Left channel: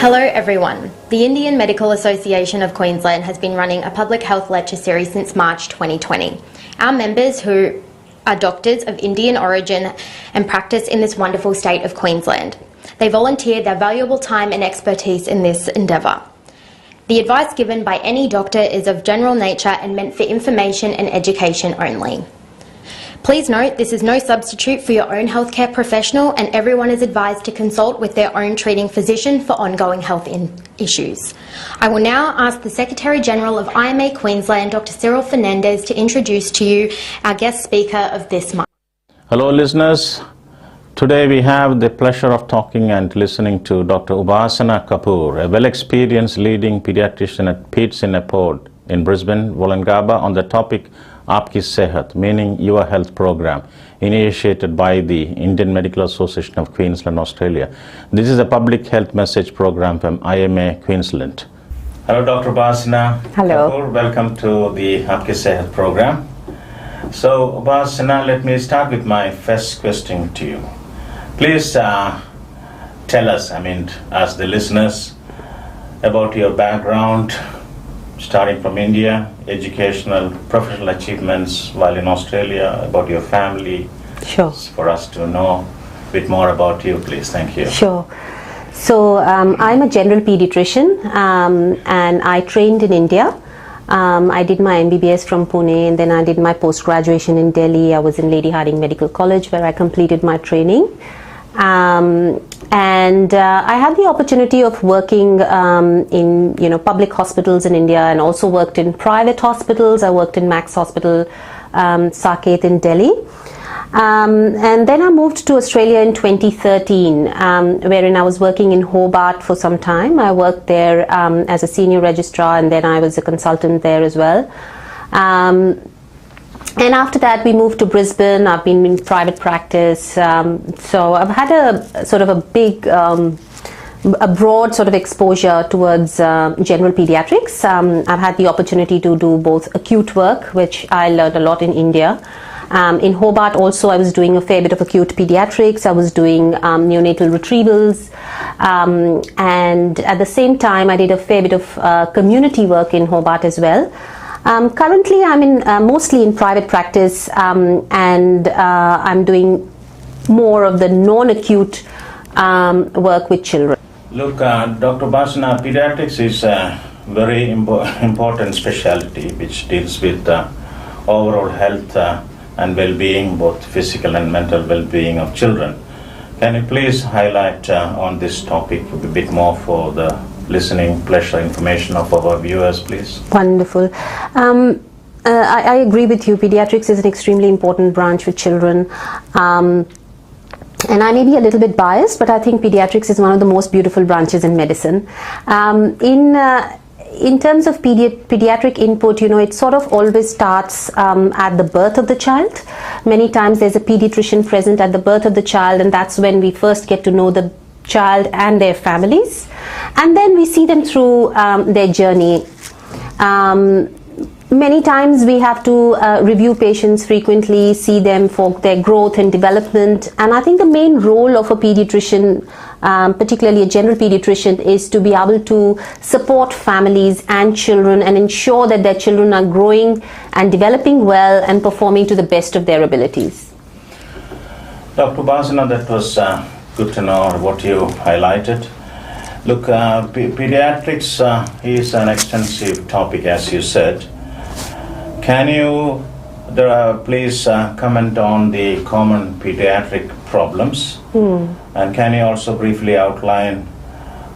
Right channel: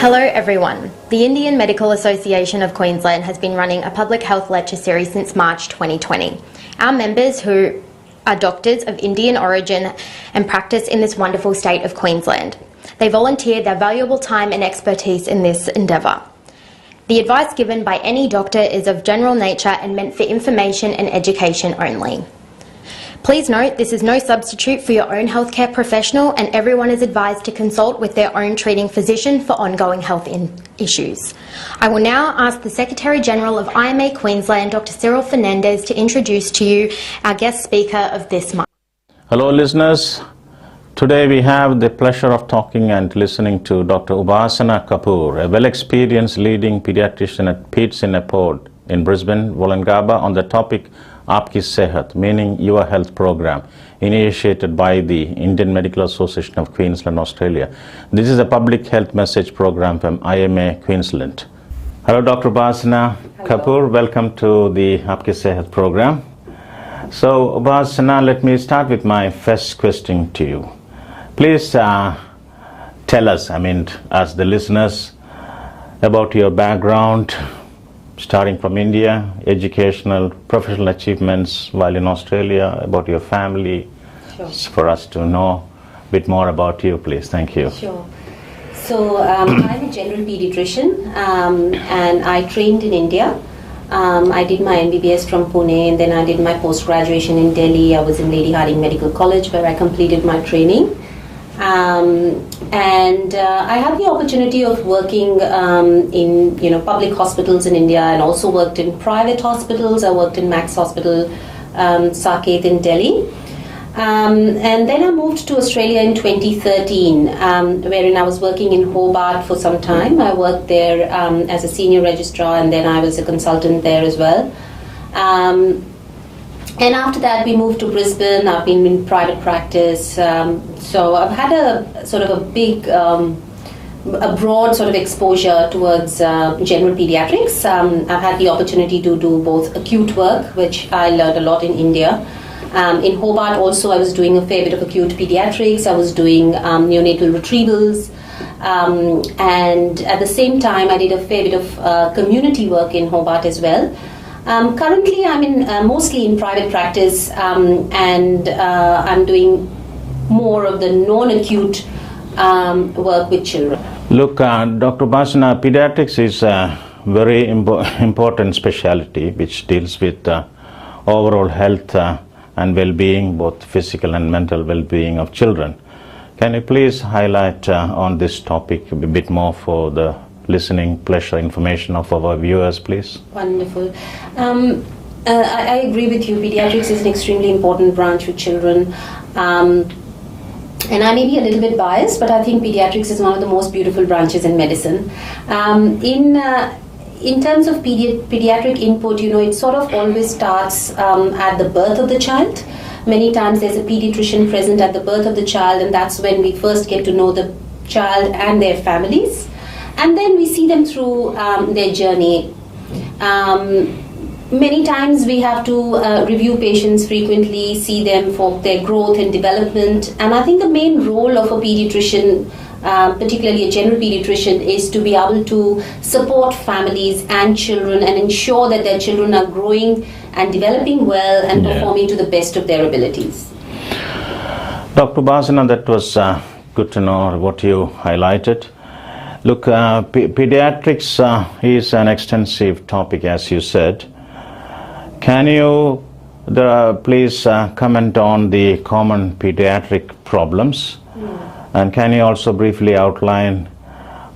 Hello everyone. The Indian Medical Association of Queensland has been running a public health lecture series since March 2020. Our members, who are doctors of Indian origin and practice in this wonderful state of Queensland, they volunteered their valuable time and expertise in this endeavour. The advice given by any doctor is of general nature and meant for information and education only. Please note, this is no substitute for your own healthcare professional, and everyone is advised to consult with their own treating physician for ongoing health issues. I will now ask the Secretary-General of IMA Queensland, Dr. Cyril Fernandez, to introduce to you our guest speaker of this month. Hello listeners. Today we have the pleasure of talking and listening to Dr. Upasana Kapoor, a well-experienced leading pediatrician at Peds in a Pod in Brisbane, Wollongabba, on the topic Aapki Sehat, meaning Your Health Program, initiated by the Indian Medical Association of Queensland, Australia. This is a public health message program from IMA Queensland. Hello, Dr. Upasana Kapoor. Welcome to the Aapki Sehat program. So, Upasana, let me start with my first question to you. Please tell us, as the listeners, about your background, starting from India, educational, professional achievements while in Australia, about your family. Sure. For us to know a bit more about you, please. Thank you. Sure. So I'm a general pediatrician and I trained in India. I did my MBBS from Pune, and then I did my post-graduation in Delhi. I was in Lady Hardinge Medical College where I completed my training. And I had the opportunity of working in public hospitals in India, and also worked in private hospitals. I worked in Max Hospital, Saket in Delhi. And then I moved to Australia in 2013, wherein I was working in Hobart for some time. I worked there as a senior registrar, and then I was a consultant there as well. And after that, we moved to Brisbane. I've been in private practice. So I've had a sort of a big, a broad sort of exposure towards general pediatrics. I've had the opportunity to do both acute work, which I learned a lot in India. In Hobart also, I was doing a fair bit of acute pediatrics. I was doing neonatal retrievals. And at the same time, I did a fair bit of community work in Hobart as well. Currently, I'm mostly in private practice, and I'm doing more of the non-acute work with children. Look, Dr. Upasana, pediatrics is a very important specialty which deals with overall health and well-being, both physical and mental well-being of children. Can you please highlight on this topic a bit more for the listening pleasure information of our viewers, please? Wonderful. I agree with you. Pediatrics is an extremely important branch with children. And I may be a little bit biased, but I think pediatrics is one of the most beautiful branches in medicine. In terms of pediatric input, it sort of always starts at the birth of the child. Many times there's a pediatrician present at the birth of the child, and that's when we first get to know the child and their families. And then we see them through their journey. Many times we have to review patients frequently, see them for their growth and development. And I think the main role of a pediatrician, particularly a general pediatrician, is to be able to support families and children and ensure that their children are growing and developing well and performing to the best of their abilities. Dr. Upasana, that was good to know what you highlighted. Look, pediatrics is an extensive topic, as you said. Can you please comment on the common pediatric problems? And can you also briefly outline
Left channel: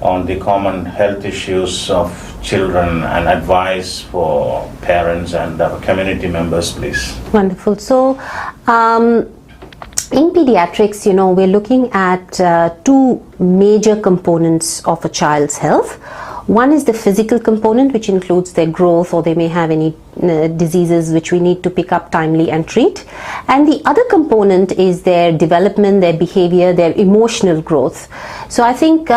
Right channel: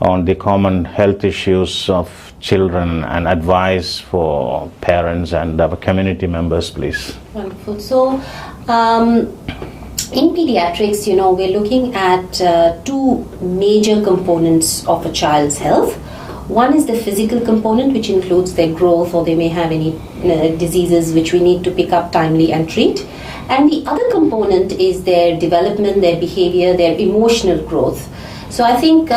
on the common health issues of children and advice for parents and our community members, please? Wonderful. So, in pediatrics, we're looking at two major components of a child's health. One is the physical component, which includes their growth, or they may have any diseases which we need to pick up timely and treat. And the other component is their development, their behavior, their emotional growth. So I think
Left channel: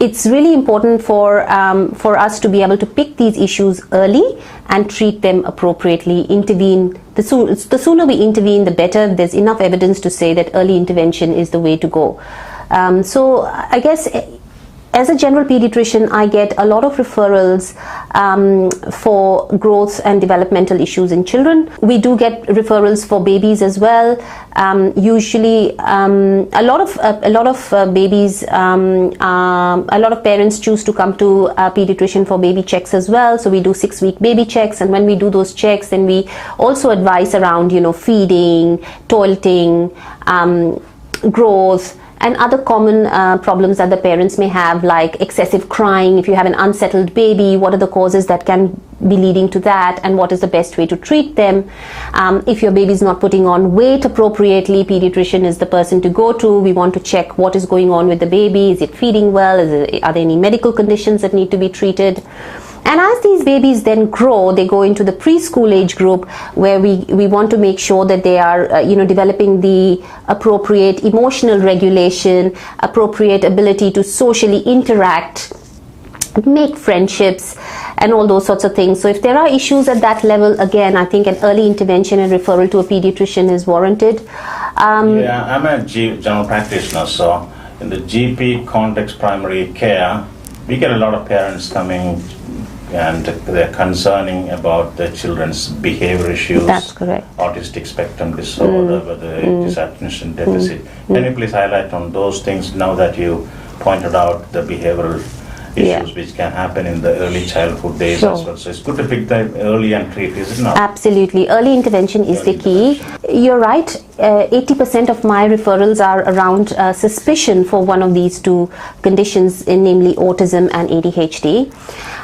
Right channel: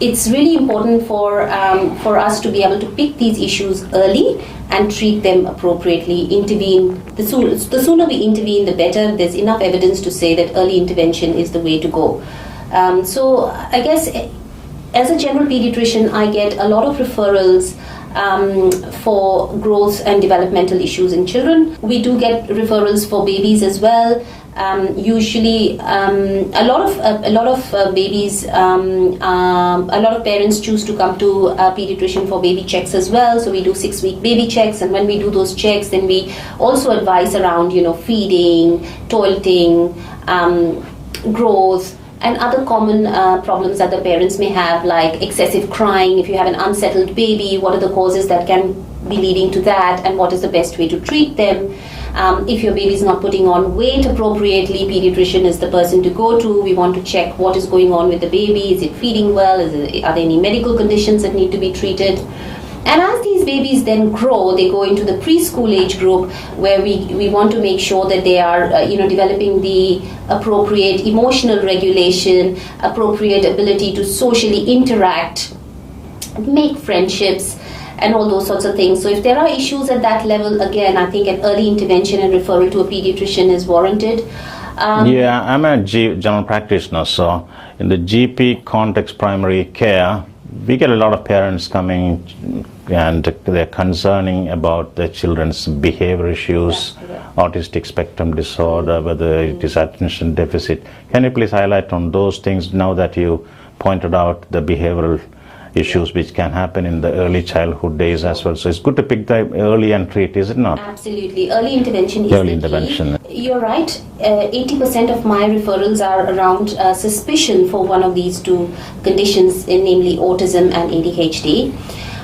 it's really important for us to be able to pick these issues early and treat them appropriately, intervene. The sooner we intervene, the better. There's enough evidence to say that early intervention is the way to go. So I guess as a general pediatrician, I get a lot of referrals for growth and developmental issues in children. We do get referrals for babies as well. Usually, a lot of babies, a lot of parents choose to come to a pediatrician for baby checks as well. So we do 6-week baby checks, and when we do those checks, then we also advise around, feeding, toileting, growth, and other common problems that the parents may have, like excessive crying. If you have an unsettled baby, what are the causes that can be leading to that, and what is the best way to treat them? If your baby is not putting on weight appropriately, pediatrician is the person to go to. We want to check what is going on with the baby. Is it feeding well? Are there any medical conditions that need to be treated? And as these babies then grow, they go into the preschool age group, where we want to make sure that they are developing the appropriate emotional regulation, appropriate ability to socially interact, make friendships, and all those sorts of things. So if there are issues at that level, again, I think an early intervention and referral to a pediatrician is warranted. I'm a general practitioner, so in the GP context, primary care, we get a lot of parents coming and they're concerning about the children's behavior issues. That's correct. Autistic spectrum disorder, whether it is attention deficit. Can you please highlight on those things now that you pointed out the behavioral issues which can happen in the early childhood days as well? So it's good to pick the early and treat, is it not? Absolutely. Early intervention is the key. You're right. 80% of my referrals are around suspicion for one of these two conditions, namely autism and ADHD.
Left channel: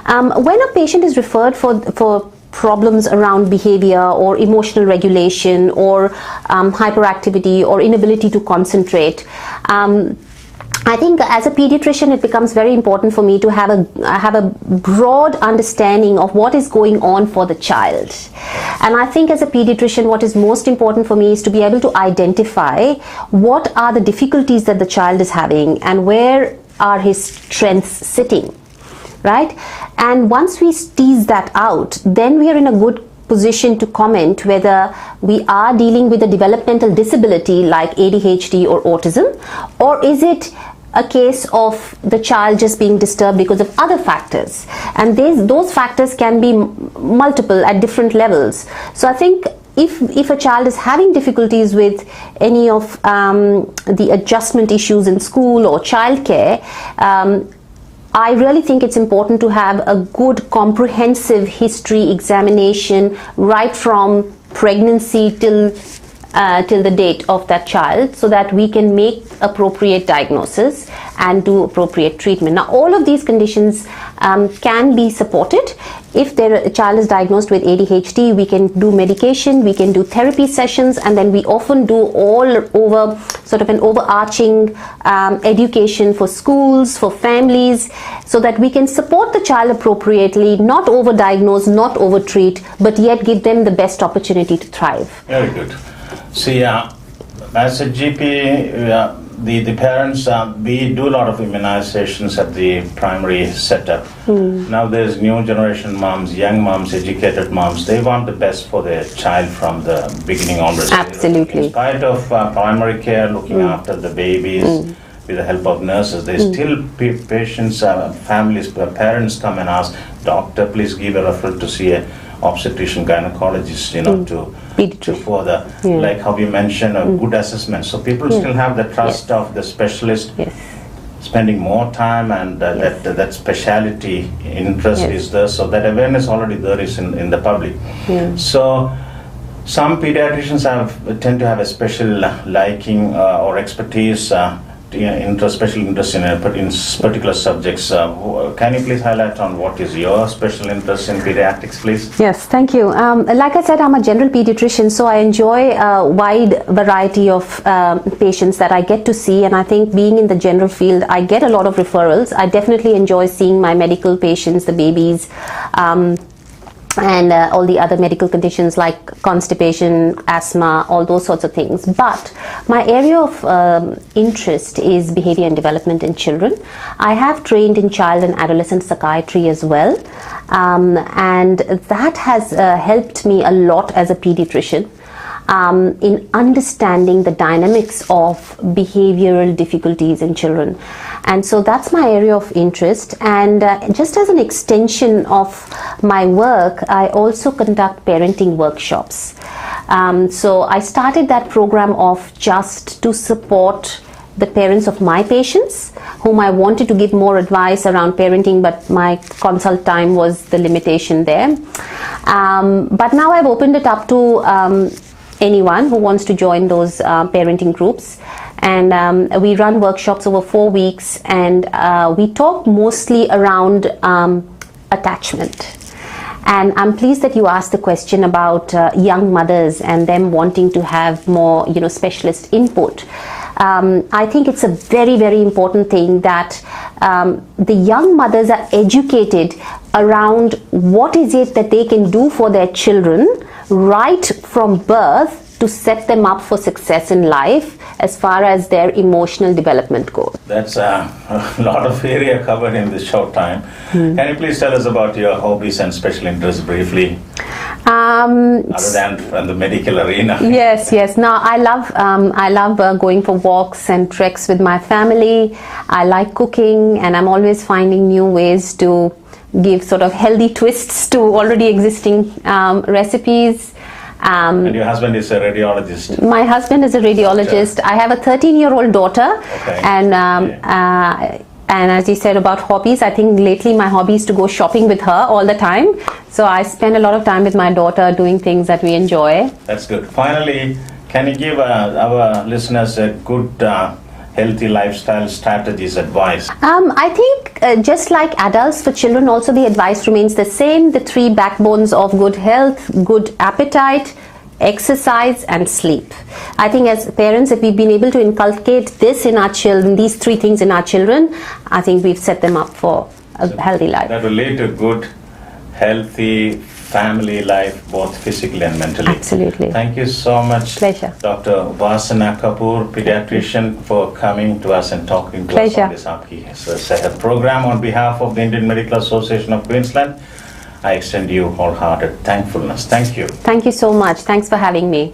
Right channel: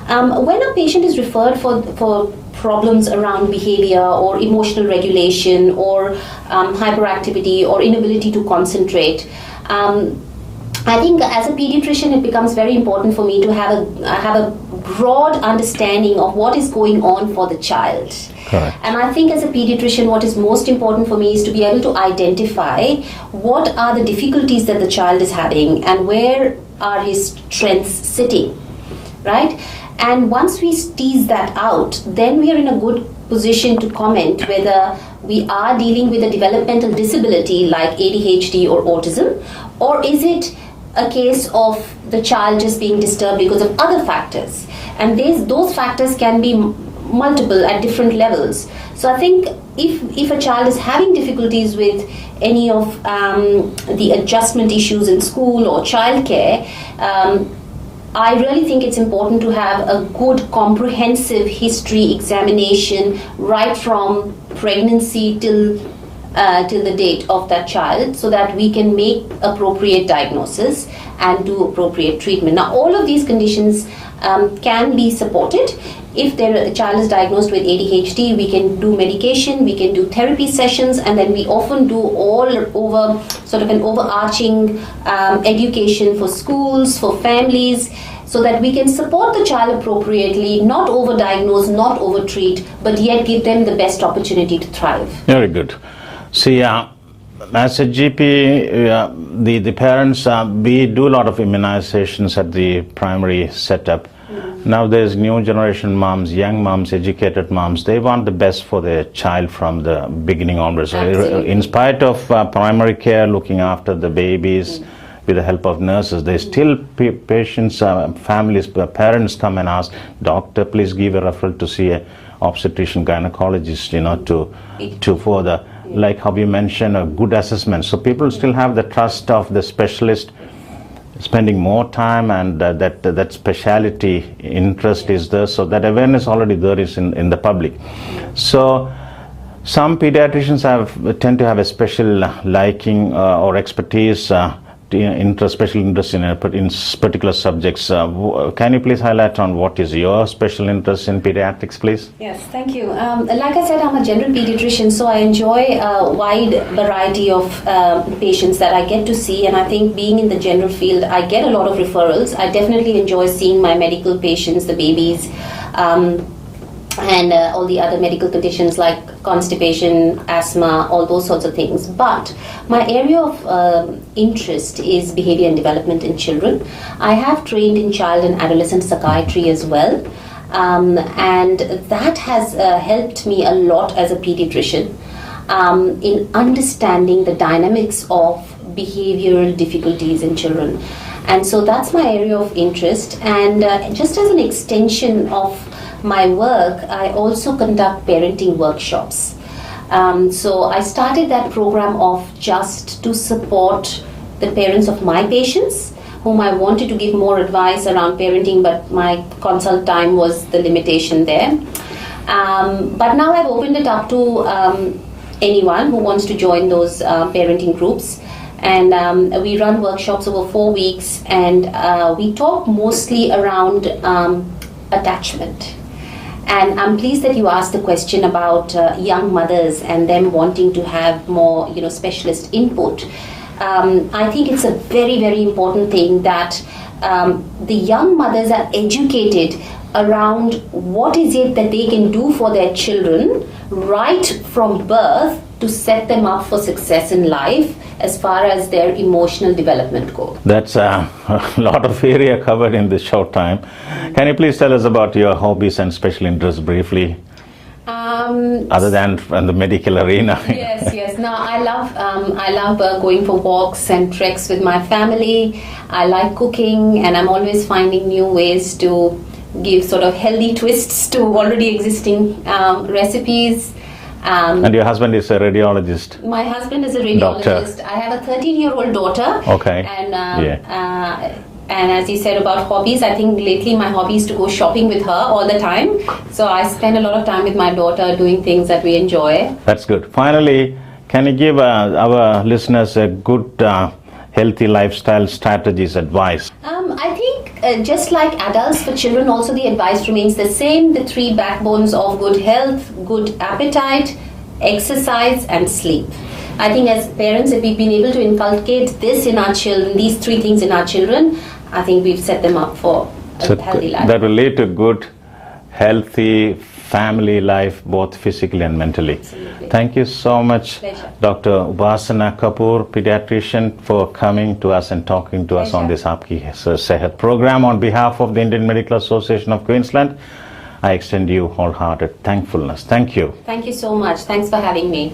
When a patient is referred for problems around behavior or emotional regulation or hyperactivity or inability to concentrate, I think as a pediatrician, it becomes very important for me to have a broad understanding of what is going on for the child. And I think as a pediatrician, what is most important for me is to be able to identify what are the difficulties that the child is having and where are his strengths sitting, right? And once we tease that out, then we are in a good position to comment whether we are dealing with a developmental disability like ADHD or autism, or is it a case of the child just being disturbed because of other factors. And those factors can be multiple at different levels. So I think if a child is having difficulties with any of the adjustment issues in school or childcare, I really think it's important to have a good comprehensive history examination right from pregnancy till the date of that child, so that we can make appropriate diagnosis and do appropriate treatment. Now, all of these conditions can be supported. If the child is diagnosed with ADHD, we can do medication, we can do therapy sessions, and then we often do all over sort of an overarching education for schools, for families, so that we can support the child appropriately, not overdiagnose, not overtreat, but yet give them the best opportunity to thrive. Very good. See, as a GP, the parents, we do a lot of immunizations at the primary setup. Now there's new generation moms, young moms, educated moms. They want the best for their child from the beginning onwards. Absolutely. In spite of primary care, looking after the babies with the help of nurses, there's still patients, families, parents come and ask, doctor, please give a referral to see a obstetrician gynecologist, to further, like how you mentioned, a good assessment. So people still have the trust of the specialist, spending more time, and that speciality interest is there, so that awareness already there is in the public. So some pediatricians tend to have a special liking or expertise, special interest in particular subjects. Can you please highlight on what is your special interest in pediatrics, please? Yes, thank you. Like I said, I'm a general pediatrician, so I enjoy a wide variety of patients that I get to see, and I think being in the general field, I get a lot of referrals. I definitely enjoy seeing my medical patients, the babies, and all the other medical conditions like constipation, asthma, all those sorts of things. But my area of interest is behavior and development in children. I have trained in child and adolescent psychiatry as well, and that has helped me a lot as a pediatrician in understanding the dynamics of behavioral difficulties in children. And so that's my area of interest. And just as an extension of my work, I also conduct parenting workshops. So I started that program off just to support the parents of my patients whom I wanted to give more advice around parenting, but my consult time was the limitation there. But now I've opened it up to anyone who wants to join those parenting groups. And we run workshops over 4 weeks, and we talk mostly around attachment. And I'm pleased that you asked the question about young mothers and them wanting to have more, specialist input. I think it's a very, very important thing that the young mothers are educated around what is it that they can do for their children right from birth to set them up for success in life as far as their emotional development goes. That's a lot of area covered in this short time. Can you please tell us about your hobbies and special interests briefly? Other than from the medical arena. Yes. Now I love going for walks and treks with my family. I like cooking, and I'm always finding new ways to give sort of healthy twists to already existing recipes. And your husband is a radiologist? My husband is a radiologist. Doctor. I have a 13-year-old daughter. Okay. And as you said about hobbies, I think lately my hobby is to go shopping with her all the time. So I spend a lot of time with my daughter doing things that we enjoy. That's good. Finally, can you give our listeners a good healthy lifestyle strategies advice? I think just like adults, for children also the advice remains the same. The 3 backbones of good health, good appetite, exercise and sleep. I think as parents, if we've been able to inculcate this in our children, these 3 things in our children, I think we've set them up for a healthy life. That will lead to good, healthy family life, both physically and mentally. Absolutely. Thank you so much, Pleasure. Dr. Upasana Kapoor, pediatrician, for coming to us and talking to us on this Aapki Sehat program. On behalf of the Indian Medical Association of Queensland, I extend you wholehearted thankfulness. Thank you. Thank you so much. Thanks for having me.